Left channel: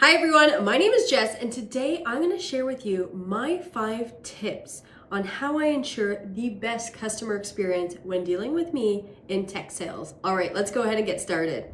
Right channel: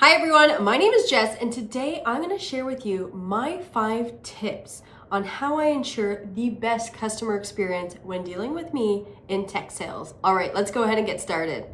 Hi everyone, my name is Jess and today I'm going to share with you my 5 tips on how I ensure the best customer experience when dealing with me in tech sales. All right, let's go ahead and get started.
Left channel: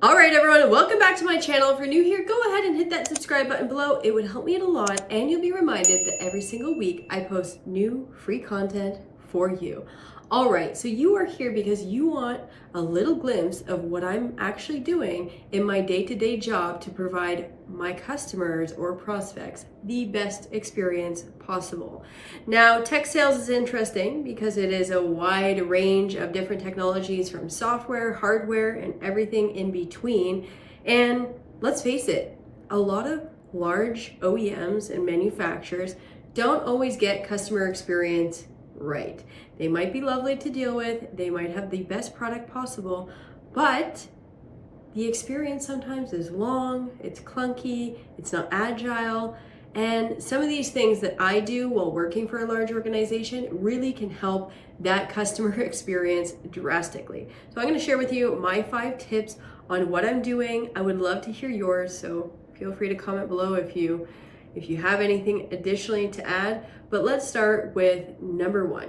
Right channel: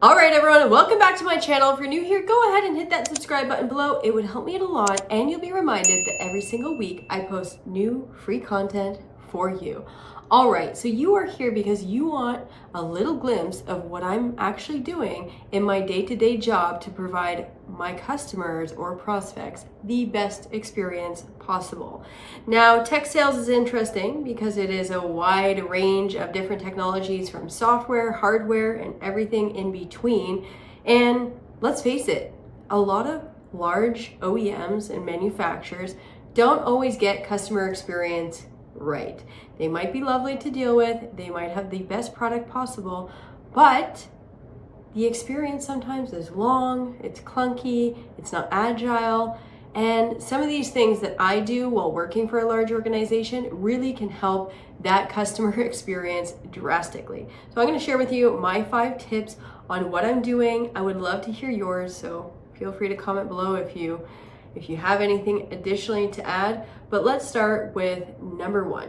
All right everyone, welcome back to my channel. If you're new here, go ahead and hit that subscribe button below. It would help me out a lot and you'll be reminded that every single week I post new free content for you. All right, so you are here because you want a little glimpse of what I'm actually doing in my day-to-day job to provide my customers or prospects the best experience possible. Now, tech sales is interesting because it is a wide range of different technologies from software, hardware, and everything in between. And let's face it, a lot of large OEMs and manufacturers don't always get customer experience right. They might be lovely to deal with, they might have the best product possible, but the experience sometimes is long, it's clunky, it's not agile, and some of these things that I do while working for a large organization really can help that customer experience drastically. So I'm going to share with you my 5 tips on what I'm doing. I would love to hear yours, so feel free to comment below if you have anything additionally to add. But let's start with number 1.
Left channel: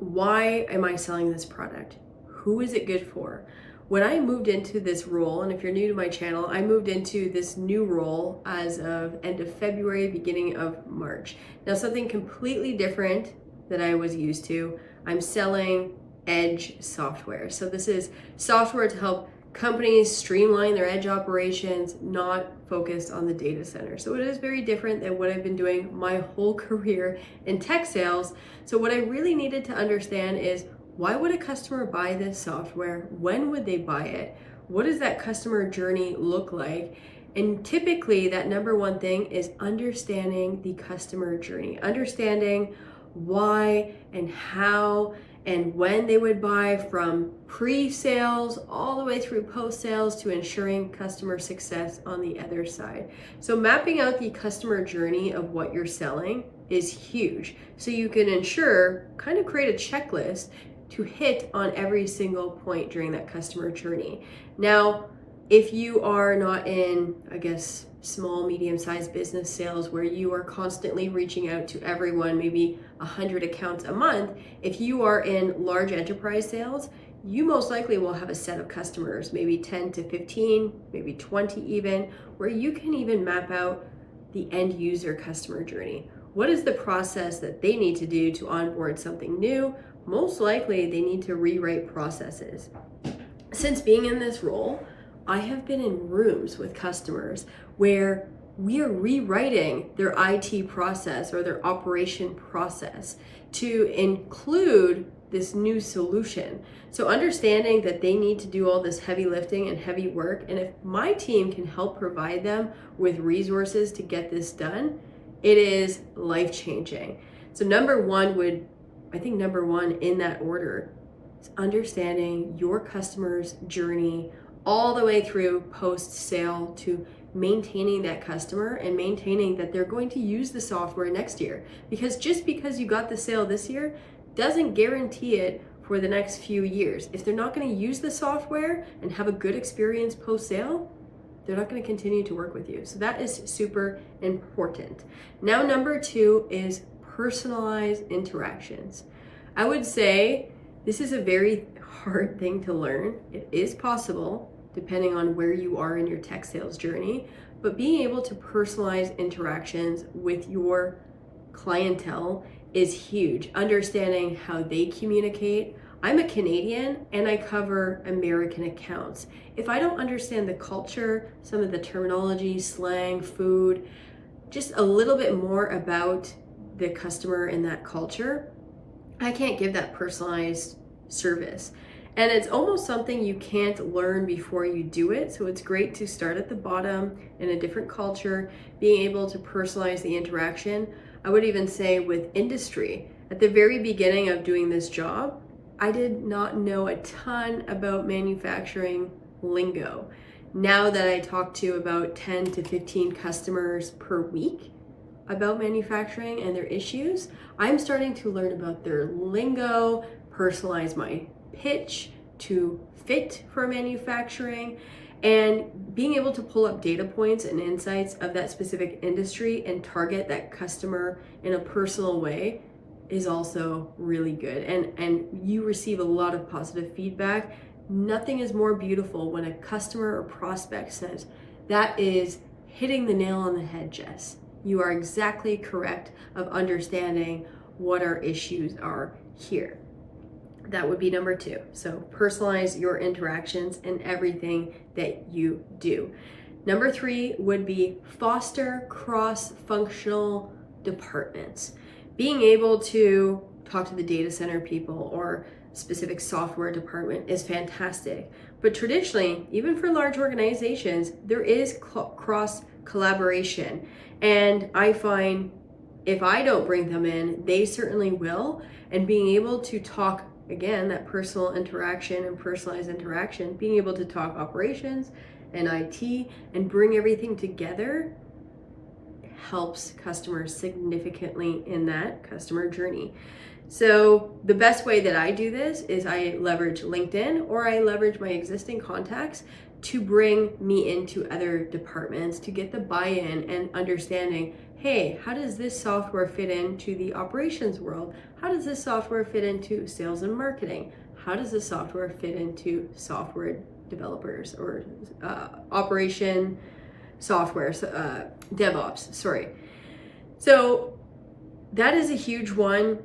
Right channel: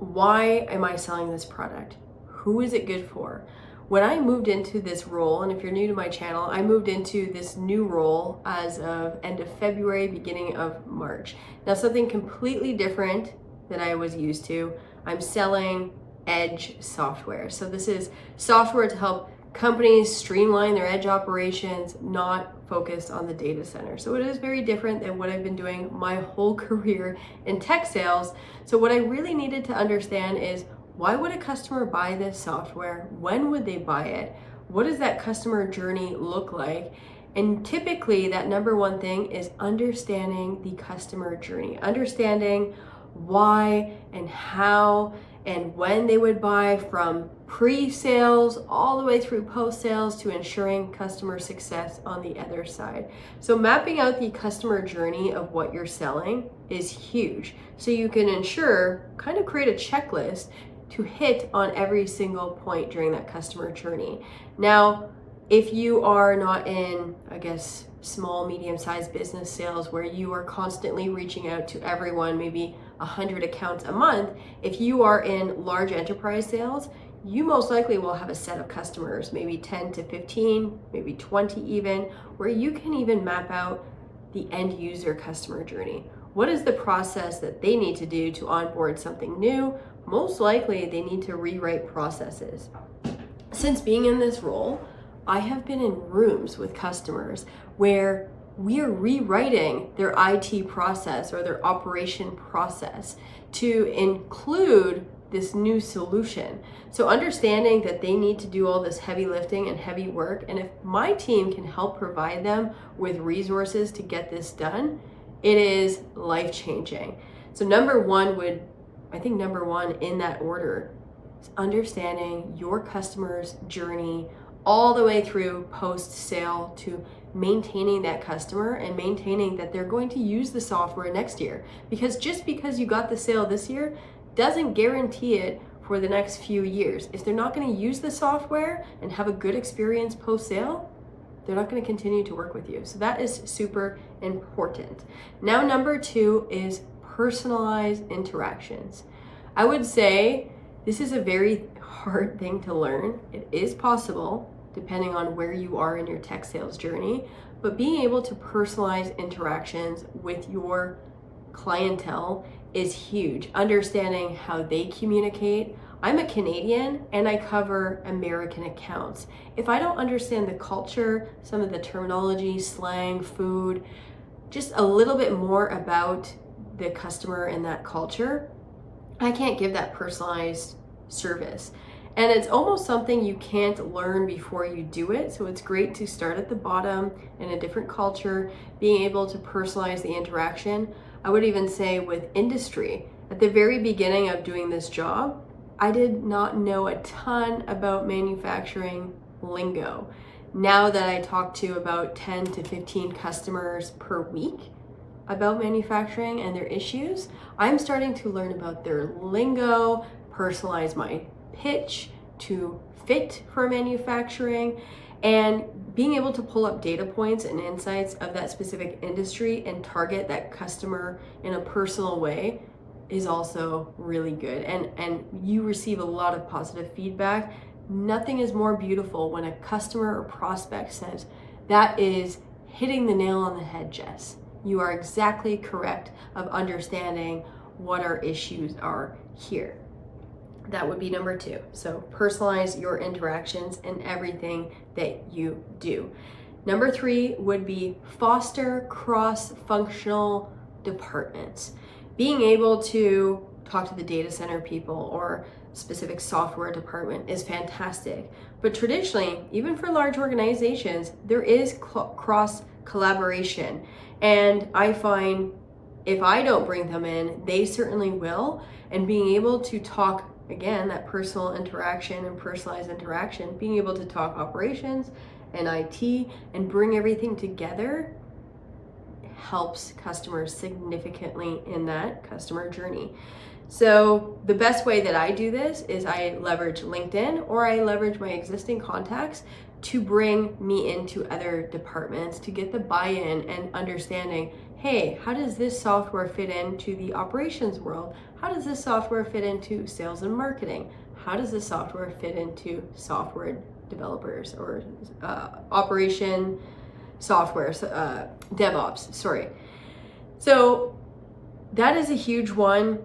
Why am I selling this product? Who is it good for? When I moved into this role, and if you're new to my channel, I moved into this new role as of end of February, beginning of March. Now, something completely different than I was used to. I'm selling edge software. So this is software to help companies streamline their edge operations, not focused on the data center. So it is very different than what I've been doing my whole career in tech sales. So what I really needed to understand is, why would a customer buy this software? When would they buy it? What does that customer journey look like? And typically that number 1 thing is understanding the customer journey, understanding why and how and when they would buy, from pre-sales all the way through post-sales to ensuring customer success on the other side. So mapping out the customer journey of what you're selling is huge. So you can kind of create a checklist to hit on every single point during that customer journey. Now, if you are not in, small, medium-sized business sales where you are constantly reaching out to everyone, maybe 100 accounts a month, if you are in large enterprise sales, you most likely will have a set of customers, maybe 10 to 15, maybe 20 even, where you can even map out the end user customer journey. What is the process that they need to do to onboard something new? Most likely they need to rewrite processes. Since being in this role, I have been in rooms with customers where we are rewriting their IT process or their operation process to include this new solution. So understanding that they need to do all this heavy lifting and heavy work, and if my team can help provide them with resources to get this done, it is life-changing. So number one in that order is understanding your customer's journey all the way through post-sale to maintaining that customer and maintaining that they're going to use the software next year. Because just because you got the sale this year doesn't guarantee it for the next few years. If they're not going to use the software and have a good experience post-sale, they're not going to continue to work with you. So that is super important. Now, number 2 is personalized interactions. I would say this is a very hard thing to learn. It is possible depending on where you are in your tech sales journey, but being able to personalize interactions with your clientele is huge. Understanding how they communicate. I'm a Canadian and I cover American accounts. If I don't understand the culture, some of the terminology, slang, food, just a little bit more about the customer and that culture, I can't give that personalized service. And it's almost something you can't learn before you do it. So it's great to start at the bottom in a different culture, being able to personalize the interaction. I would even say with industry, at the very beginning of doing this job, I did not know a ton about manufacturing lingo. Now that I talk to about 10 to 15 customers per week about manufacturing and their issues, I'm starting to learn about their lingo, personalize my pitch to fit for manufacturing, and being able to pull up data points and insights of that specific industry and target that customer in a personal way is also really good. And you receive a lot of positive feedback. Nothing is more beautiful when a customer or prospect says, "That is hitting the nail on the head, Jess. You are exactly correct of understanding what our issues are here." That would be number 2. So personalize your interactions in everything that you do. Number 3 would be foster cross-functional departments. Being able to talk to the data center people or specific software department is fantastic. But traditionally, even for large organizations, there is cross collaboration. And I find if I don't bring them in, they certainly will. And being able to talk, again, that personal interaction and personalized interaction, being able to talk operations and IT and bring everything together helps customers significantly in that customer journey. So the best way that I do this is I leverage LinkedIn, or I leverage my existing contacts to bring me into other departments to get the buy-in and understanding, hey, how does this software fit into the operations world? How does this software fit into sales and marketing? How does this software fit into software developers or operation software, DevOps, sorry. So that is a huge one.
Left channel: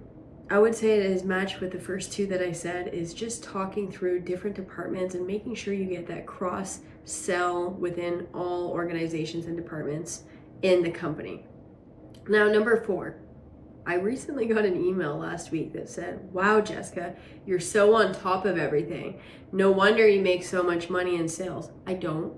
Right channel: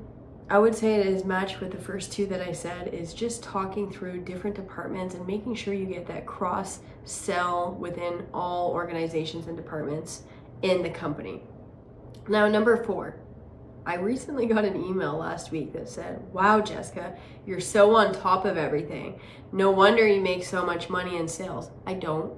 I would say it is matched with the first 2 that I said, is just talking through different departments and making sure you get that cross sell within all organizations and departments in the company. Now, number 4, I recently got an email last week that said, "Wow, Jessica, you're so on top of everything. No wonder you make so much money in sales." I don't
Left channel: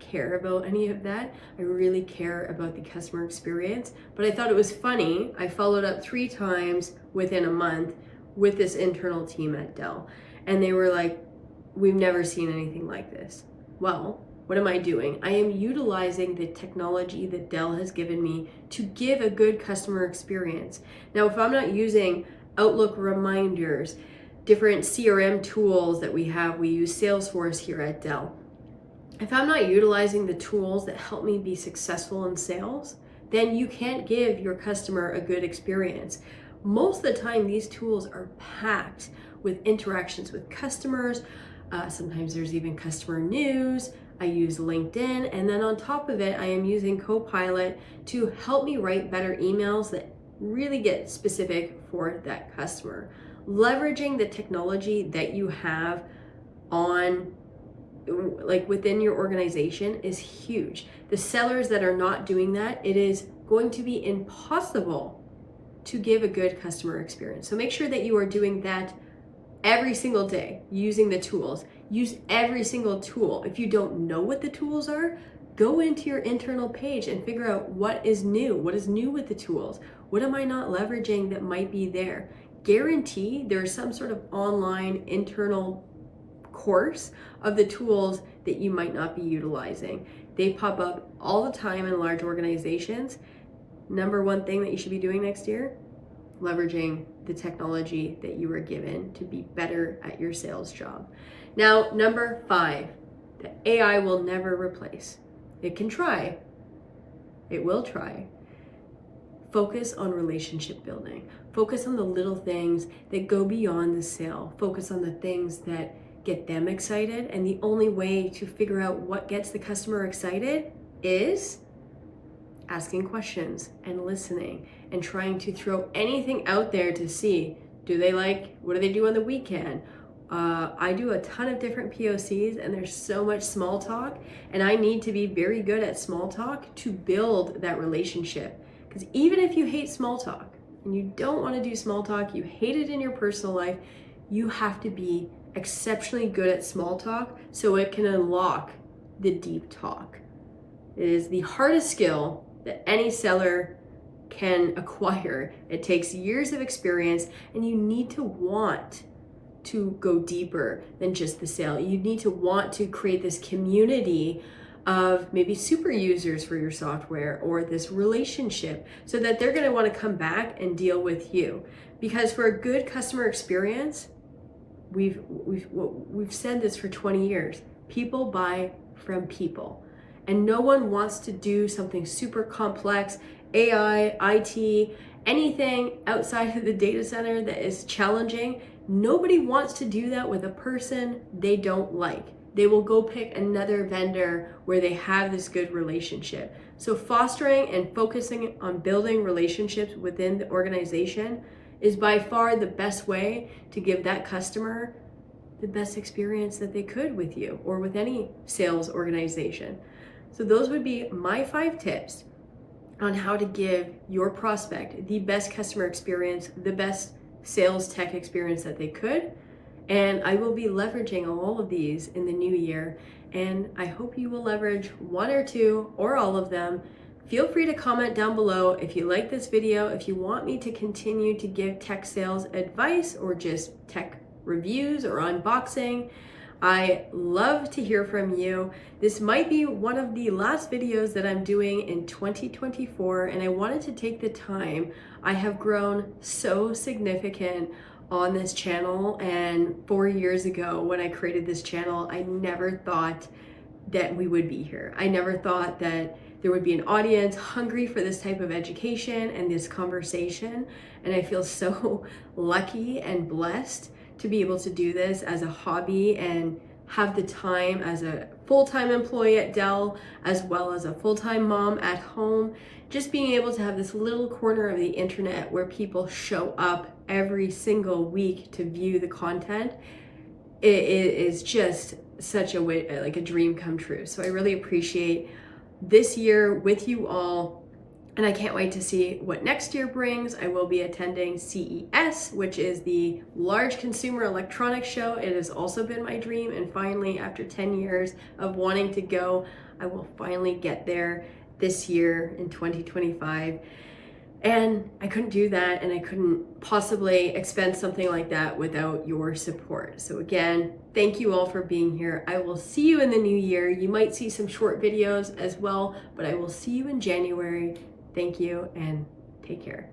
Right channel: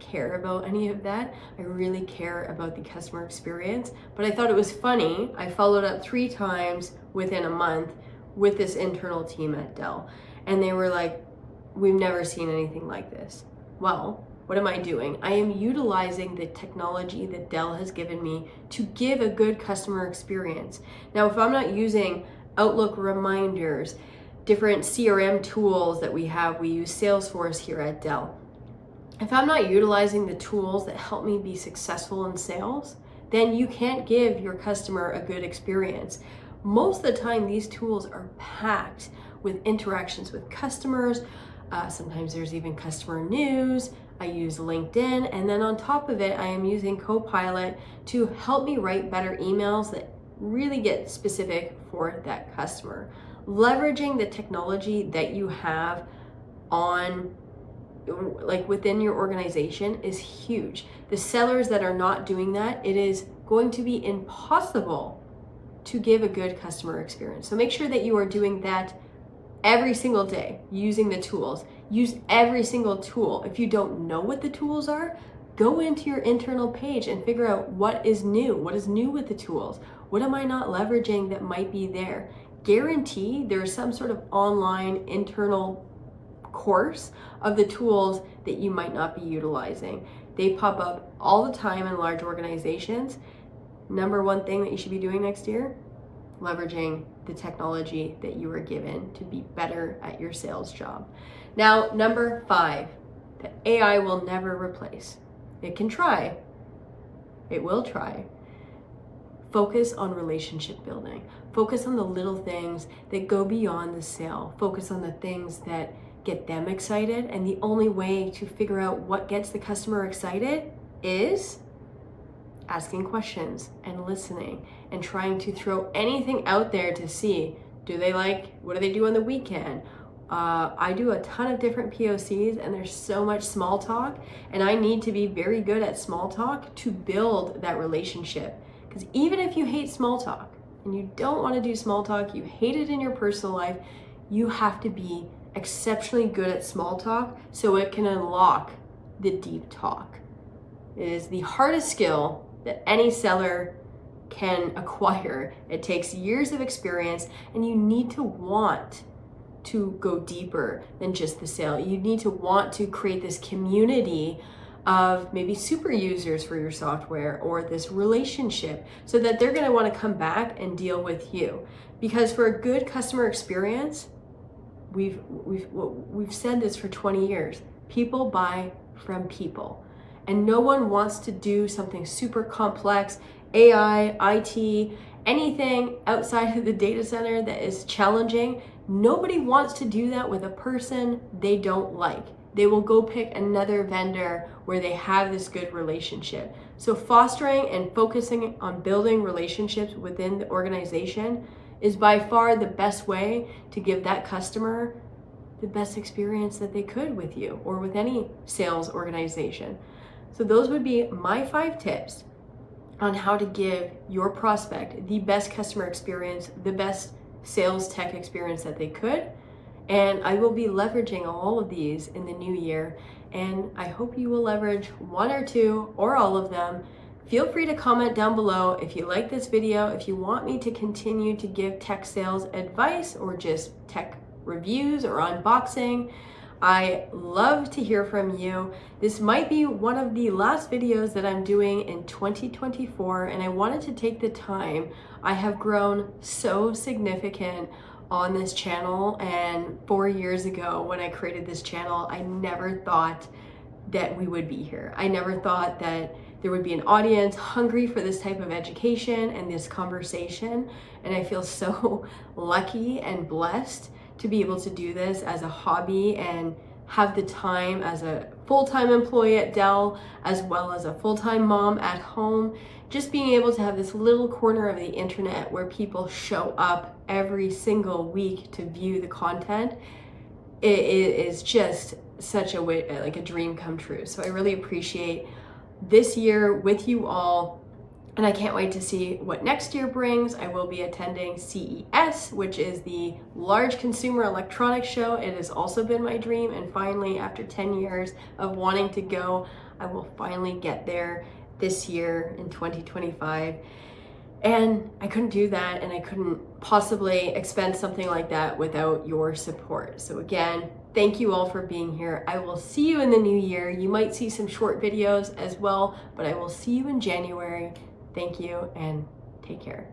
care about any of that. I really care about the customer experience. But I thought it was funny. I followed up 3 times within a month with this internal team at Dell. And they were like, "We've never seen anything like this." Well, what am I doing? I am utilizing the technology that Dell has given me to give a good customer experience. Now, if I'm not using Outlook reminders, different CRM tools that we have, we use Salesforce here at Dell. If I'm not utilizing the tools that help me be successful in sales, then you can't give your customer a good experience. Most of the time, these tools are packed with interactions with customers. Sometimes there's even customer news. I use LinkedIn, and then on top of it, I am using Copilot to help me write better emails that really get specific for that customer. Leveraging the technology that you have on, like within your organization, is huge. The sellers that are not doing that, it is going to be impossible to give a good customer experience. So make sure that you are doing that every single day, using the tools. Use every single tool. If you don't know what the tools are, go into your internal page and figure out what is new. What is new with the tools? What am I not leveraging that might be there? Guarantee there's some sort of online internal course of the tools that you might not be utilizing. They pop up all the time in large organizations. Number 1 thing that you should be doing next year, leveraging the technology that you were given to be better at your sales job. Now, number 5, the AI will never replace. It can try. It will try. Focus on relationship building. Focus on the little things that go beyond the sale. Focus on the things that get them excited. And the only way to figure out what gets the customer excited is asking questions and listening and trying to throw anything out there to see, what do they do on the weekend? I do a ton of different POCs, and there's so much small talk, and I need to be very good at small talk to build that relationship. Because even if you hate small talk and you don't want to do small talk, you hate it in your personal life, you have to be exceptionally good at small talk so it can unlock the deep talk. It is the hardest skill that any seller can acquire. It takes years of experience, and you need to want to go deeper than just the sale. You need to want to create this community of maybe super users for your software, or this relationship, so that they're going to want to come back and deal with you. Because for a good customer experience, we've said this for 20 years. People buy from people. And no one wants to do something super complex, AI, IT, anything outside of the data center that is challenging. Nobody wants to do that with a person they don't like. They will go pick another vendor where they have this good relationship. So fostering and focusing on building relationships within the organization is by far the best way to give that customer the best experience that they could with you or with any sales organization. So those would be my 5 tips on how to give your prospect the best customer experience, the best sales tech experience that they could. And I will be leveraging all of these in the new year. And I hope you will leverage 1 or 2 or all of them. Feel free to comment down below if you like this video, if you want me to continue to give tech sales advice or just tech reviews or unboxing. I love to hear from you. This might be one of the last videos that I'm doing in 2024, and I wanted to take the time. I have grown so significant on this channel, and 4 years ago when I created this channel, I never thought that we would be here. I never thought that there would be an audience hungry for this type of education and this conversation, and I feel so lucky and blessed to be able to do this as a hobby and have the time as a full-time employee at Dell, as well as a full-time mom at home. Just being able to have this little corner of the internet where people show up every single week to view the content, it is just such a way, like a dream come true. So I really appreciate this year with you all. And I can't wait to see what next year brings. I will be attending CES, which is the large consumer electronics show. It has also been my dream. And finally, after 10 years of wanting to go, I will finally get there this year in 2025. And I couldn't do that, and I couldn't possibly expense something like that without your support. So again, thank you all for being here. I will see you in the new year. You might see some short videos as well, but I will see you in January. Thank you and take care.